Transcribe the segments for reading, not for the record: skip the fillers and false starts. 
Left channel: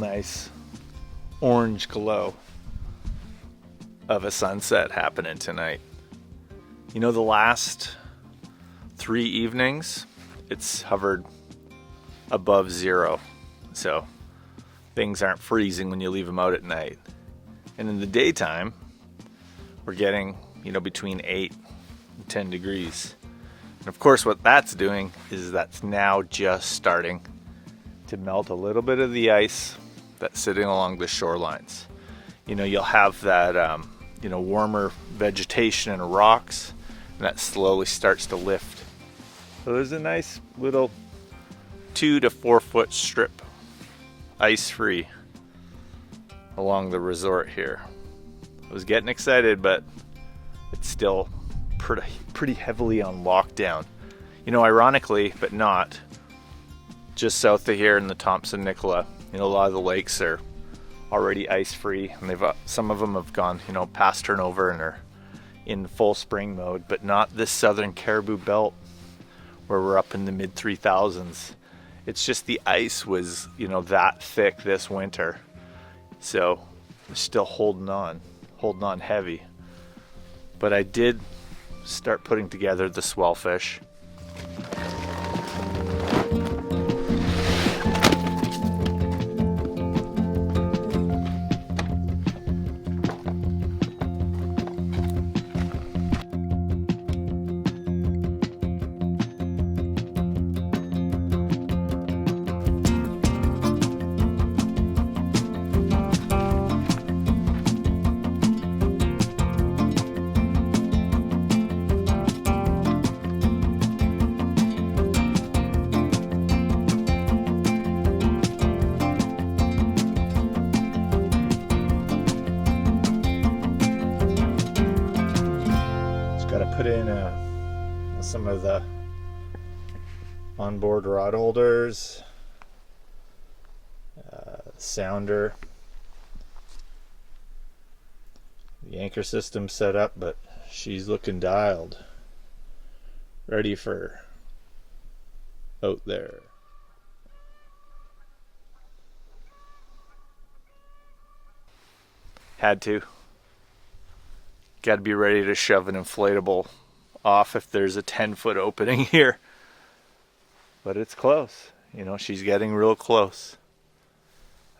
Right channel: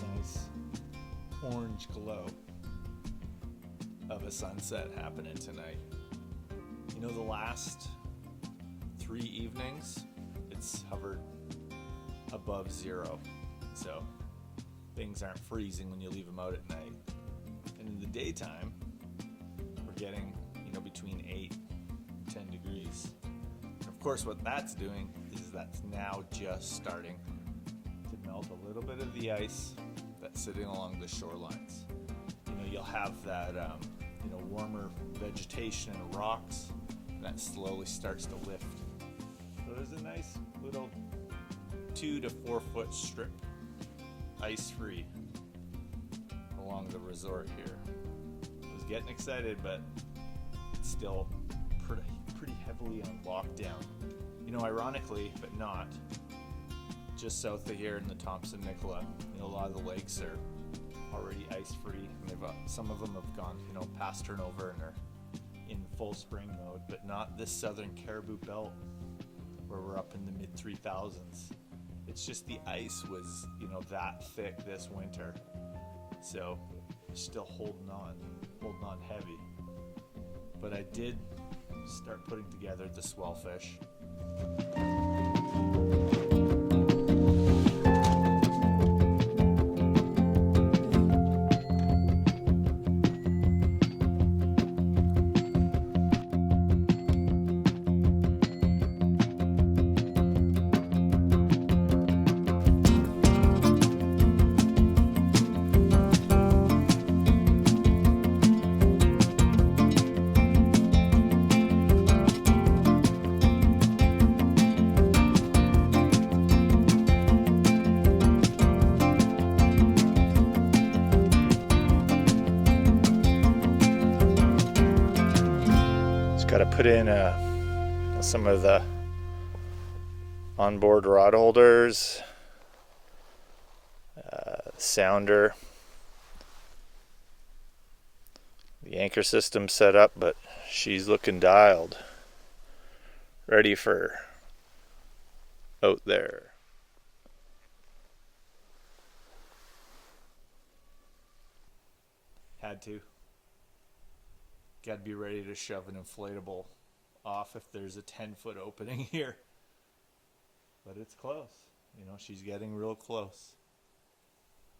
nice orange glow of a sunset happening tonight. You know, the last 3 evenings, it's hovered above 0. So things aren't freezing when you leave them out at night. And in the daytime, we're getting, between 8 and 10 degrees. And of course, what that's doing is that's now just starting to melt a little bit of the ice that's sitting along the shorelines. You'll have that, warmer vegetation and rocks, and that slowly starts to lift. So there's a nice little 2 to 4 foot strip, ice-free, along the resort here. I was getting excited, but it's still pretty heavily on lockdown. Ironically, but not, just south of here in the Thompson-Nicola, a lot of the lakes are already ice-free, and some of them have gone, past turnover and are in full spring mode, but not this southern Cariboo belt where we're up in the mid 3000s. It's just the ice was, that thick this winter. So we're still holding on heavy. But I did start putting together the Swellfish. Put in some of the onboard rod holders, sounder, the anchor system set up, but she's looking dialed, ready for out there. Had to. Got to be ready to shove an inflatable off if there's a 10-foot opening here. But it's close. She's getting real close.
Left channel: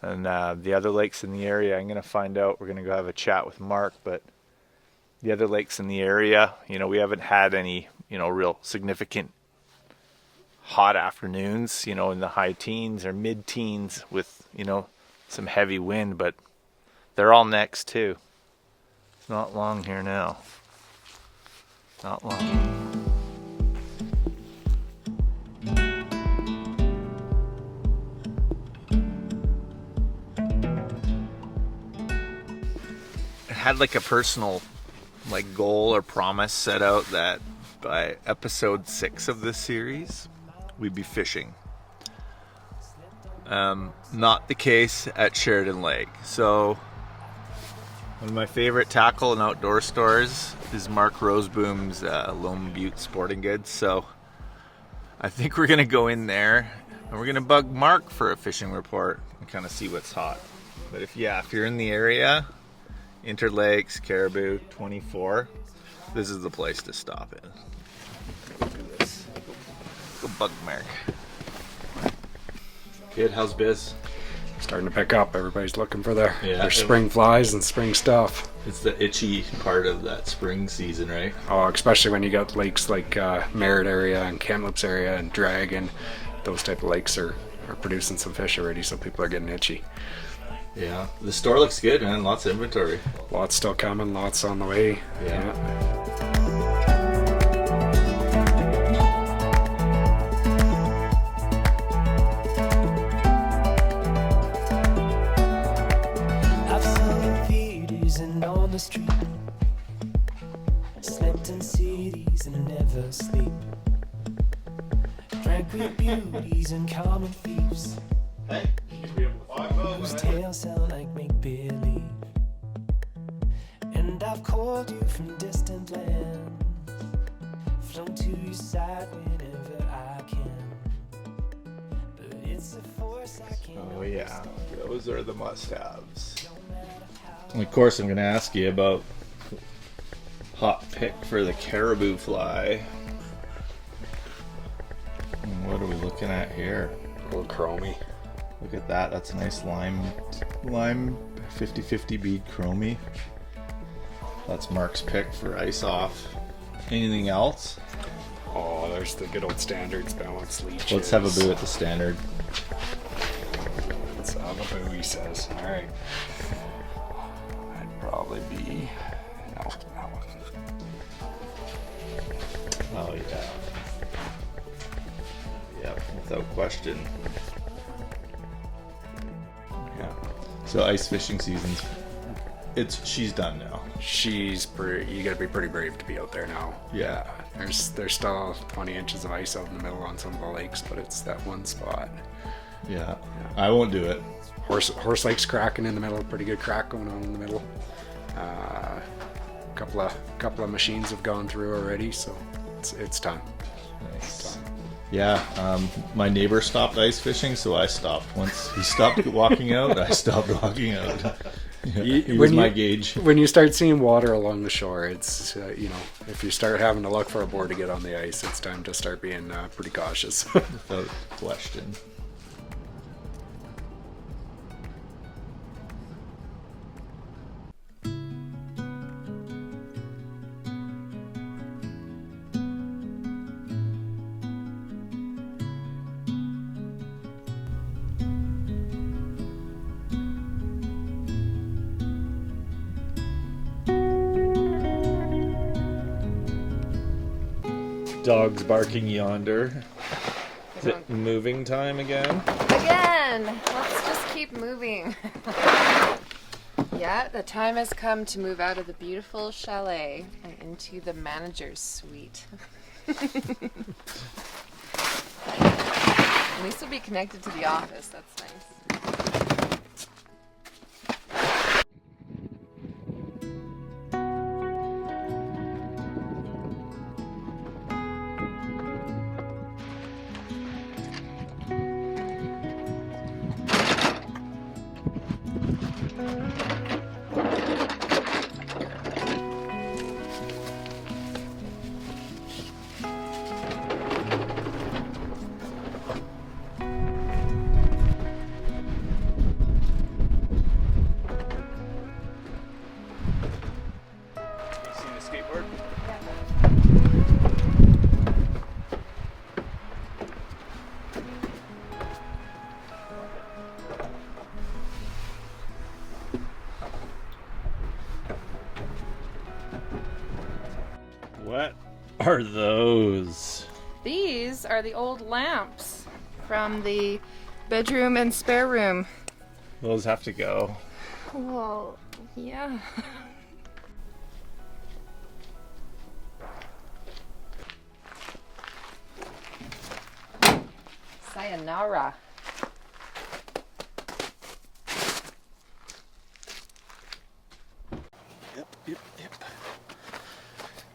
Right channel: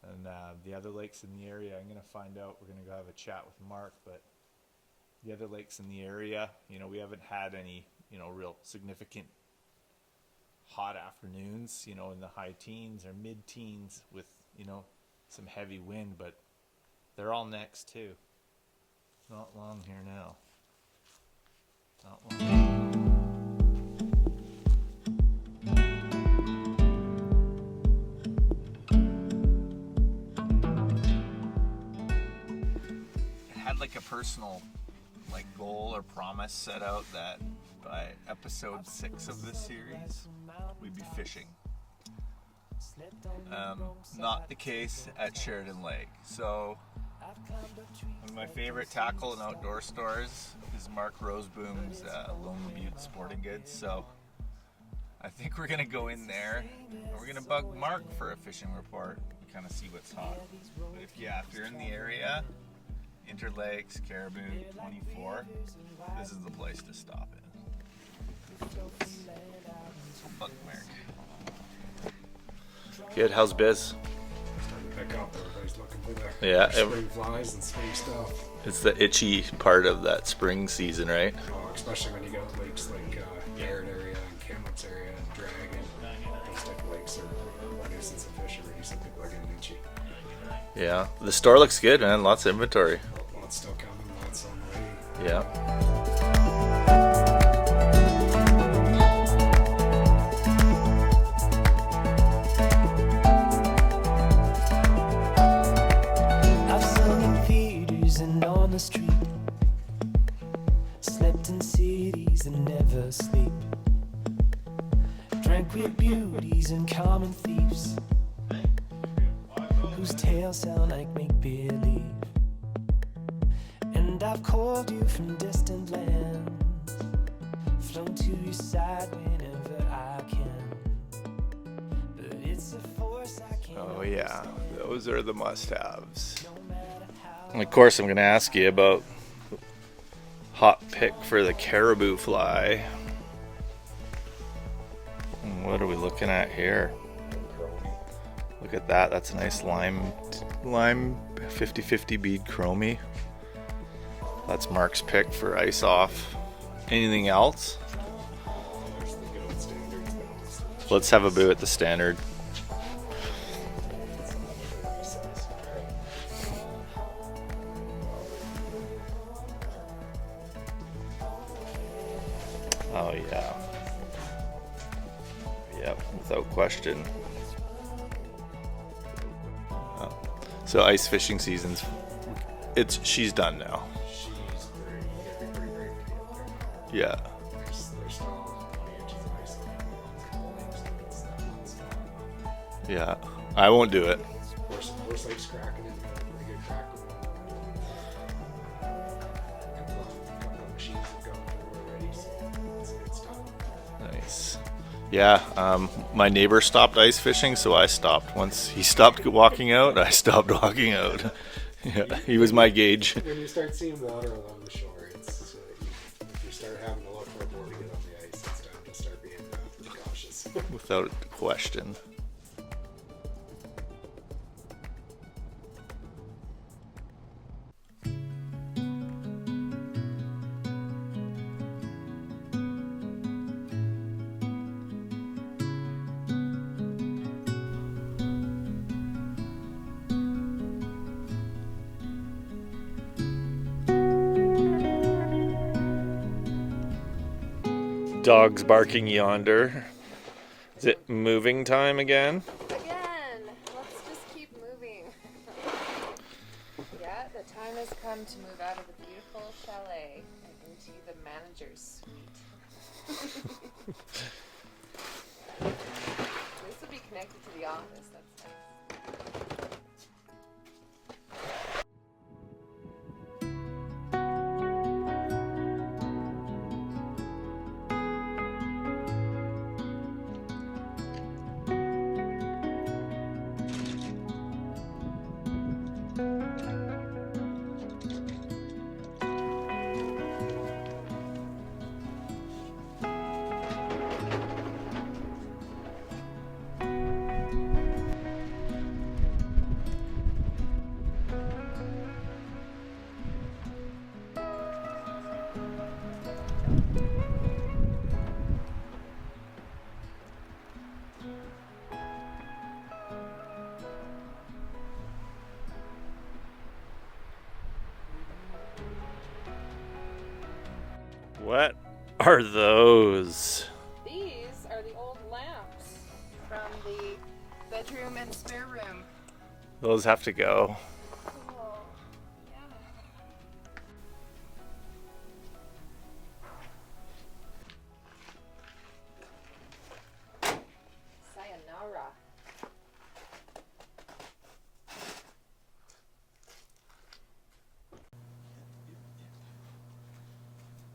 And the other lakes in the area, I'm going to find out. We're going to go have a chat with Mark. But the other lakes in the area, we haven't had any, real significant hot afternoons, in the high teens or mid-teens with, some heavy wind. But they're all next too. Not long here now. Not long. I had like a personal goal or promise set out that by episode 6 of this series, we'd be fishing. Not the case at Sheridan Lake. So one of my favorite tackle and outdoor stores is Mark Roseboom's Lone Butte Sporting Goods. So I think we're going to go in there and we're going to bug Mark for a fishing report and kind of see what's hot. But if you're in the area, Interlakes, Cariboo, 24, this is the place to stop in. Go bug Mark. Good, how's biz? Starting to pick up. Everybody's looking for their spring flies and spring stuff. It's the itchy part of that spring season, right? Oh, especially when you got lakes like Merritt area and Kamloops area and Dragon. Those type of lakes are producing some fish already, so people are getting itchy. Yeah, the store looks good, man. Lots of inventory. Lots still coming, lots on the way. Yeah. On the street, slept in cities and never sleep, drank with beauties and common thieves, whose tales sound like make-believe. And I've called you from distant lands, flown to your side whenever I can, but it's a force I can't. Oh yeah, those are the must-haves. And of course, I'm going to ask you about hot pick for the Cariboo fly. What are we looking at here? A little chromie. Look at that. That's a nice lime 50-50 bead chromie. That's Mark's pick for ice off. Anything else? Oh, there's the good old standards balance leeches. Let's have a boo at the standard. Let's have a boo, he says. All right. I'd probably be. No, that one. Oh yeah. Yep, without question. Yeah. So ice fishing season's. She's done now. She's pretty. You gotta be pretty brave to be out there now. Yeah. There's still 20 inches of ice out in the middle on some of the lakes, but it's that one spot. Yeah. I won't do it. Horse Lake's cracking in the middle. Pretty good crack going on in the middle. Couple of machines have gone through already, so it's time. Nice. Yeah. My neighbor stopped ice fishing, so I stopped. Once he stopped walking out, I stopped walking out. Yeah, he was my gauge. When you start seeing water along the shore, it's if you start having to look for a board to get on the ice, it's time to start being pretty cautious. Without question. Dogs barking yonder. Is it moving time again? Again! Let's just keep moving. Yeah, the time has come to move out of the beautiful chalet and into the manager's suite. At least we'll be connected to the office, that's nice. What are those? These are the old lamps from the bedroom and spare room. Those have to go. Well, yeah. Sayonara. Yep.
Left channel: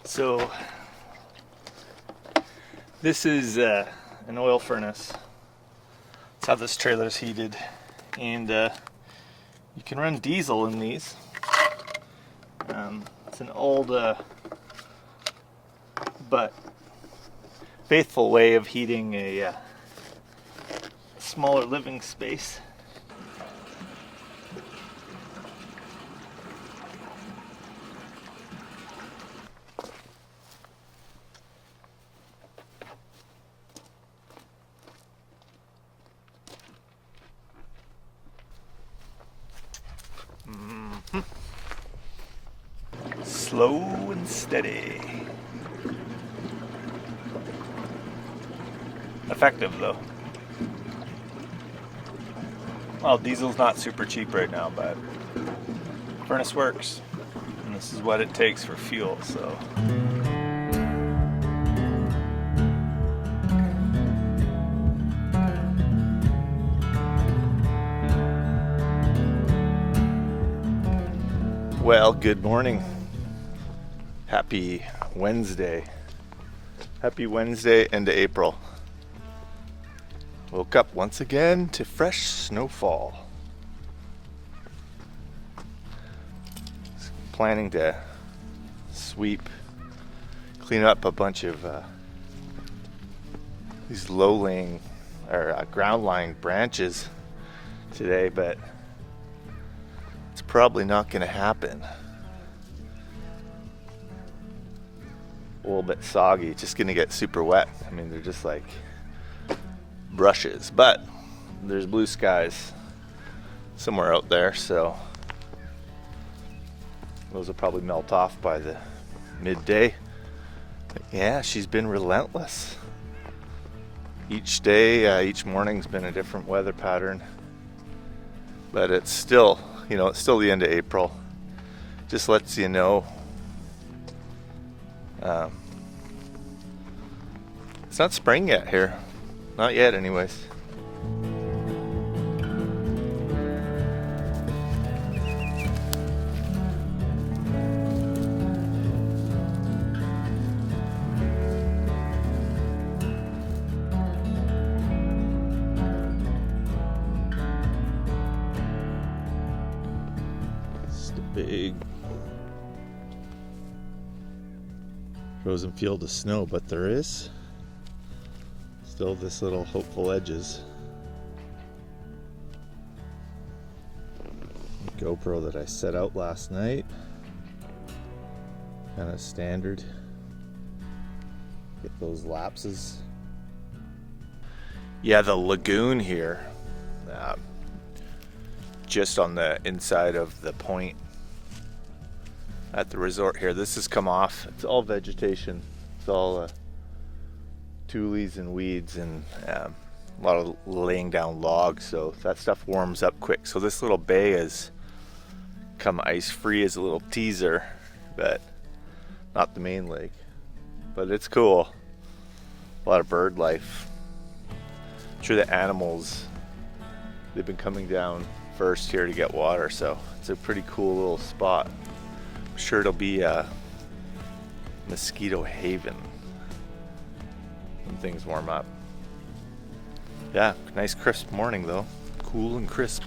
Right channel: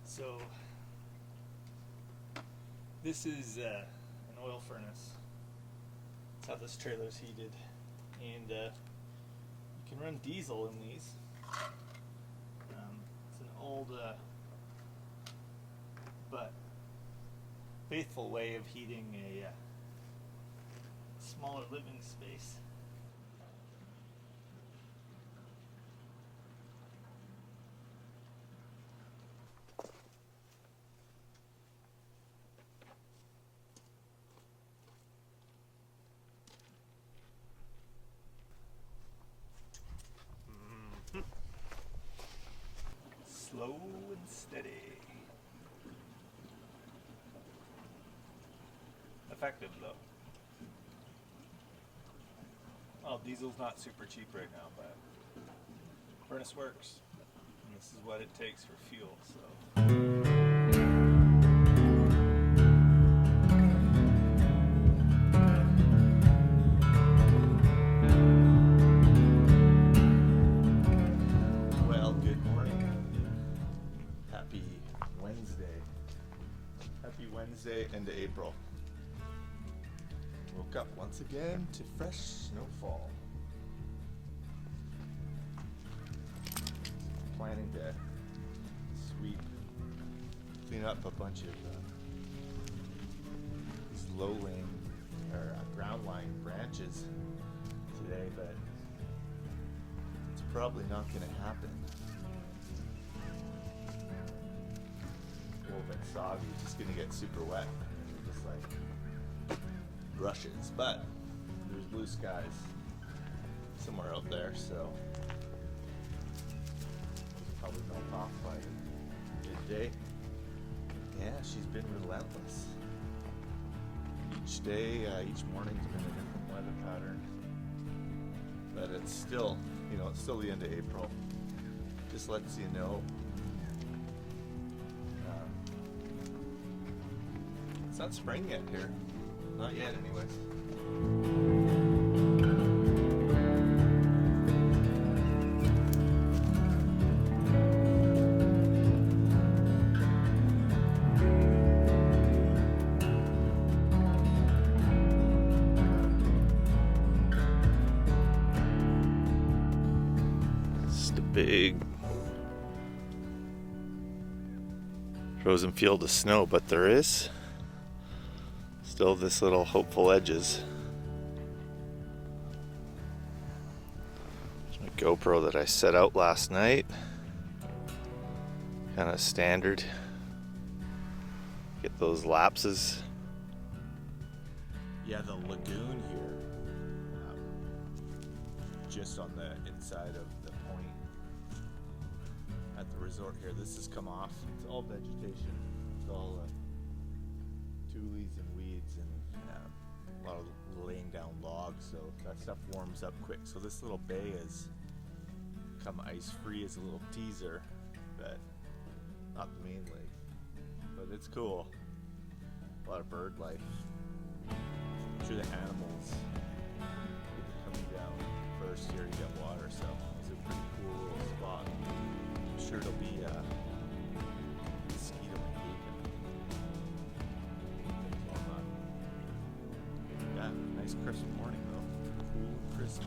So, this is an oil furnace. That's how this trailer's heated. And you can run diesel in these. It's an old but faithful way of heating a smaller living space. Slow and steady. Effective though. Well, diesel's not super cheap right now, but furnace works. And this is what it takes for fuel, so. Well, good morning. Happy Wednesday. Happy Wednesday into April. Woke up once again to fresh snowfall. Planning to clean up a bunch of these low-laying or ground-lying branches today, but it's probably not going to happen. A little bit soggy, just going to get super wet. I mean, they're just like brushes, but there's blue skies somewhere out there, so those will probably melt off by the midday. Yeah, she's been relentless. Each day, each morning's been a different weather pattern, but it's still, it's still the end of April. Just lets you know it's not spring yet here. Not yet, anyways. Big frozen field of snow, but there is still this little hopeful edges. GoPro that I set out last night, kind of standard. Get those lapses. Yeah, the lagoon here, just on the inside of the point at the resort here. This has come off. It's all vegetation. It's all tules and weeds and a lot of laying down logs, so that stuff warms up quick. So this little bay has come ice free as a little teaser, but not the main lake. But it's cool. A lot of bird life. I'm sure the animals, they've been coming down first here to get water, so it's a pretty cool little spot. I'm sure it'll be a mosquito haven when things warm up. Yeah, nice crisp morning though. Cool and crisp.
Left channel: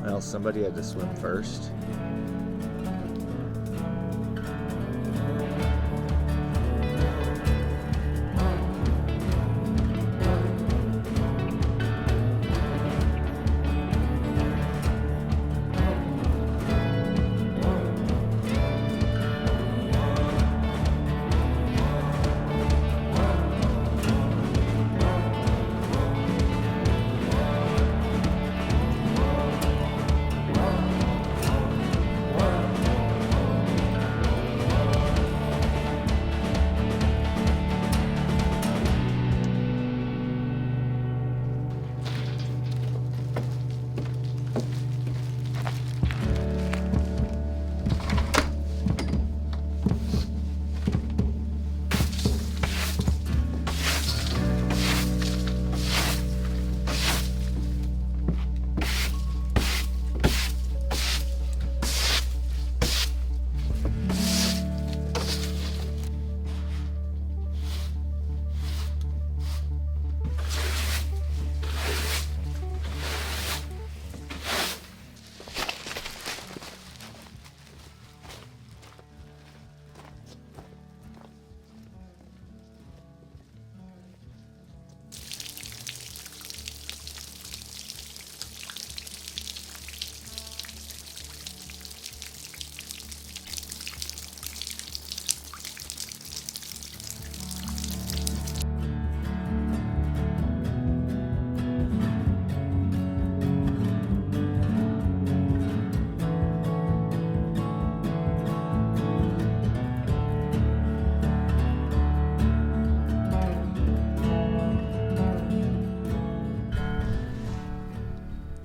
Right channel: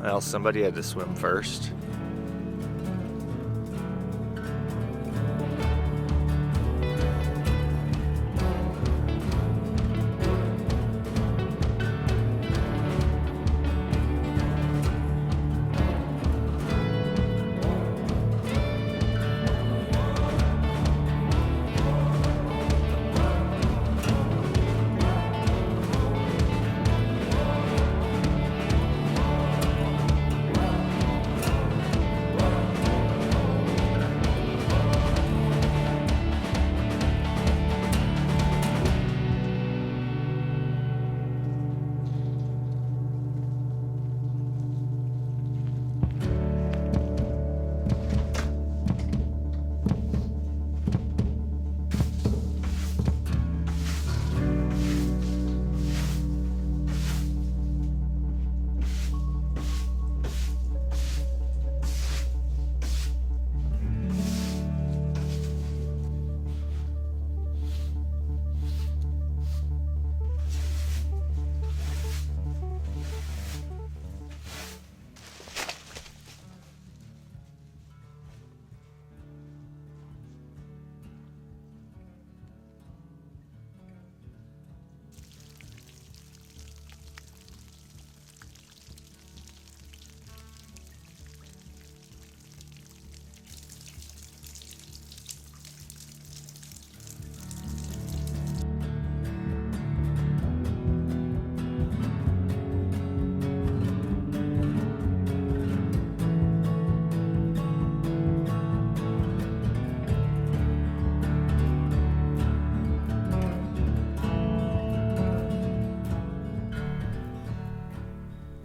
Well, somebody had to swim first.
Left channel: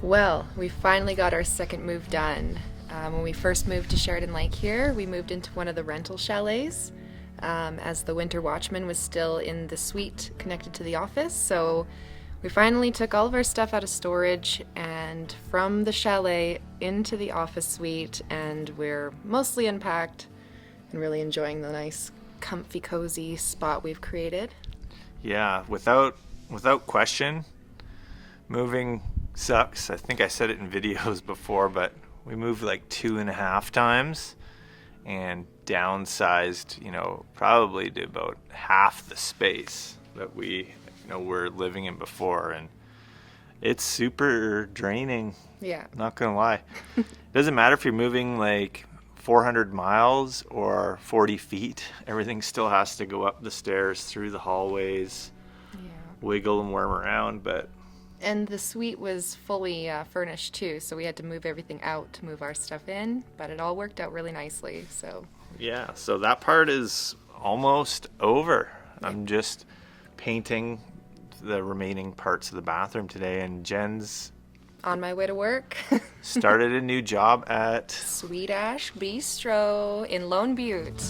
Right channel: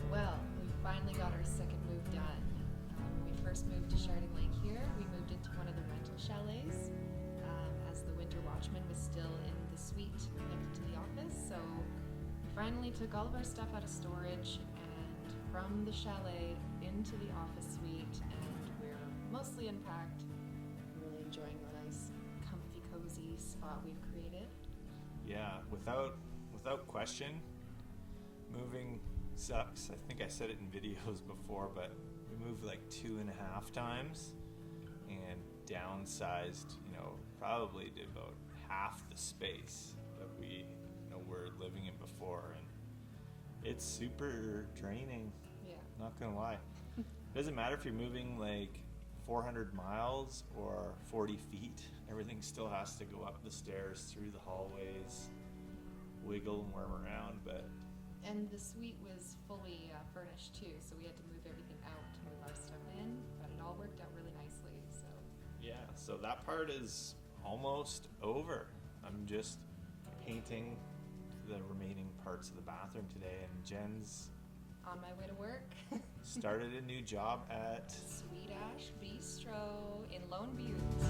Well, we finally got our second move done. When we first moved to Sheridan Lake here, we moved into one of the rental chalets as the winter watchman was still in the suite connected to the office. So we finally took all of our stuff out of storage and from the chalet into the office suite, and we're mostly unpacked and really enjoying the nice comfy, cozy spot we've created. Yeah, without question, moving sucks. I think I said it in videos before, but we moved like 2.5 times and downsized, probably to about half the space that we, were living in before, and it's super draining. Yeah. Not gonna lie. It doesn't matter if you're moving like 400 miles or 40 feet. Everything still has to go up the stairs, through the hallways, wiggle and worm around, but... And the suite was fully furnished too, so we had to move everything out to move our stuff in, but it all worked out really nicely, so... Yeah, so that part is almost over. I'm just painting the remaining parts of the bathroom today, and Jen's On my way to work. started a new job at Sweet Ash Bistro in Lone Butte.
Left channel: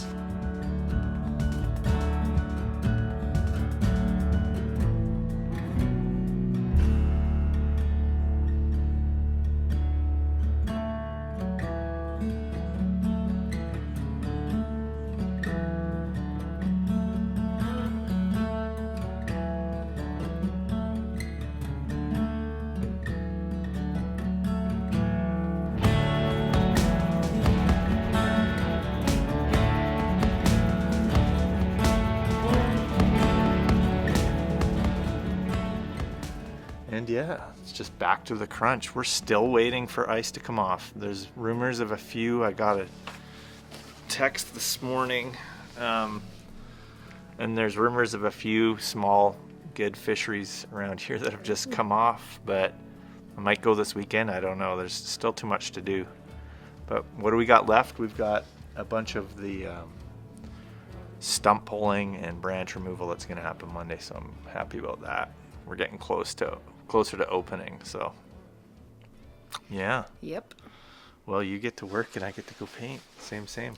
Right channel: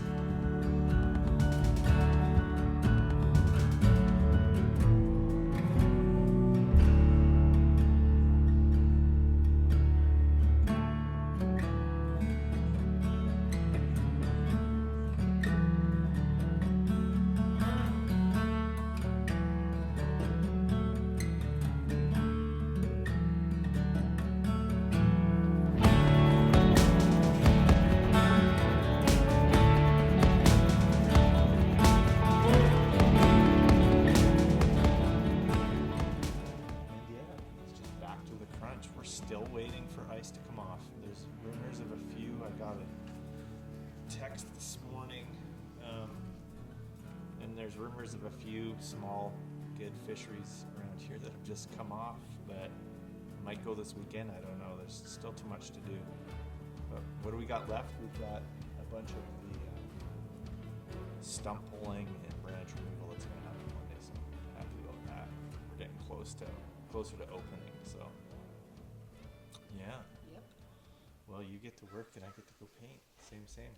And yeah, it's just back to the crunch. We're still waiting for ice to come off. There's rumors of a few. I got a text this morning, and there's rumors of a few small, good fisheries around here that have just come off, but I might go this weekend. I don't know. There's still too much to do. But what do we got left? We've got a bunch of the stump pulling and branch removal that's going to happen Monday, so I'm happy about that. We're getting closer to opening, so yeah. Yep. Well, you get to work and I get to go paint. Same.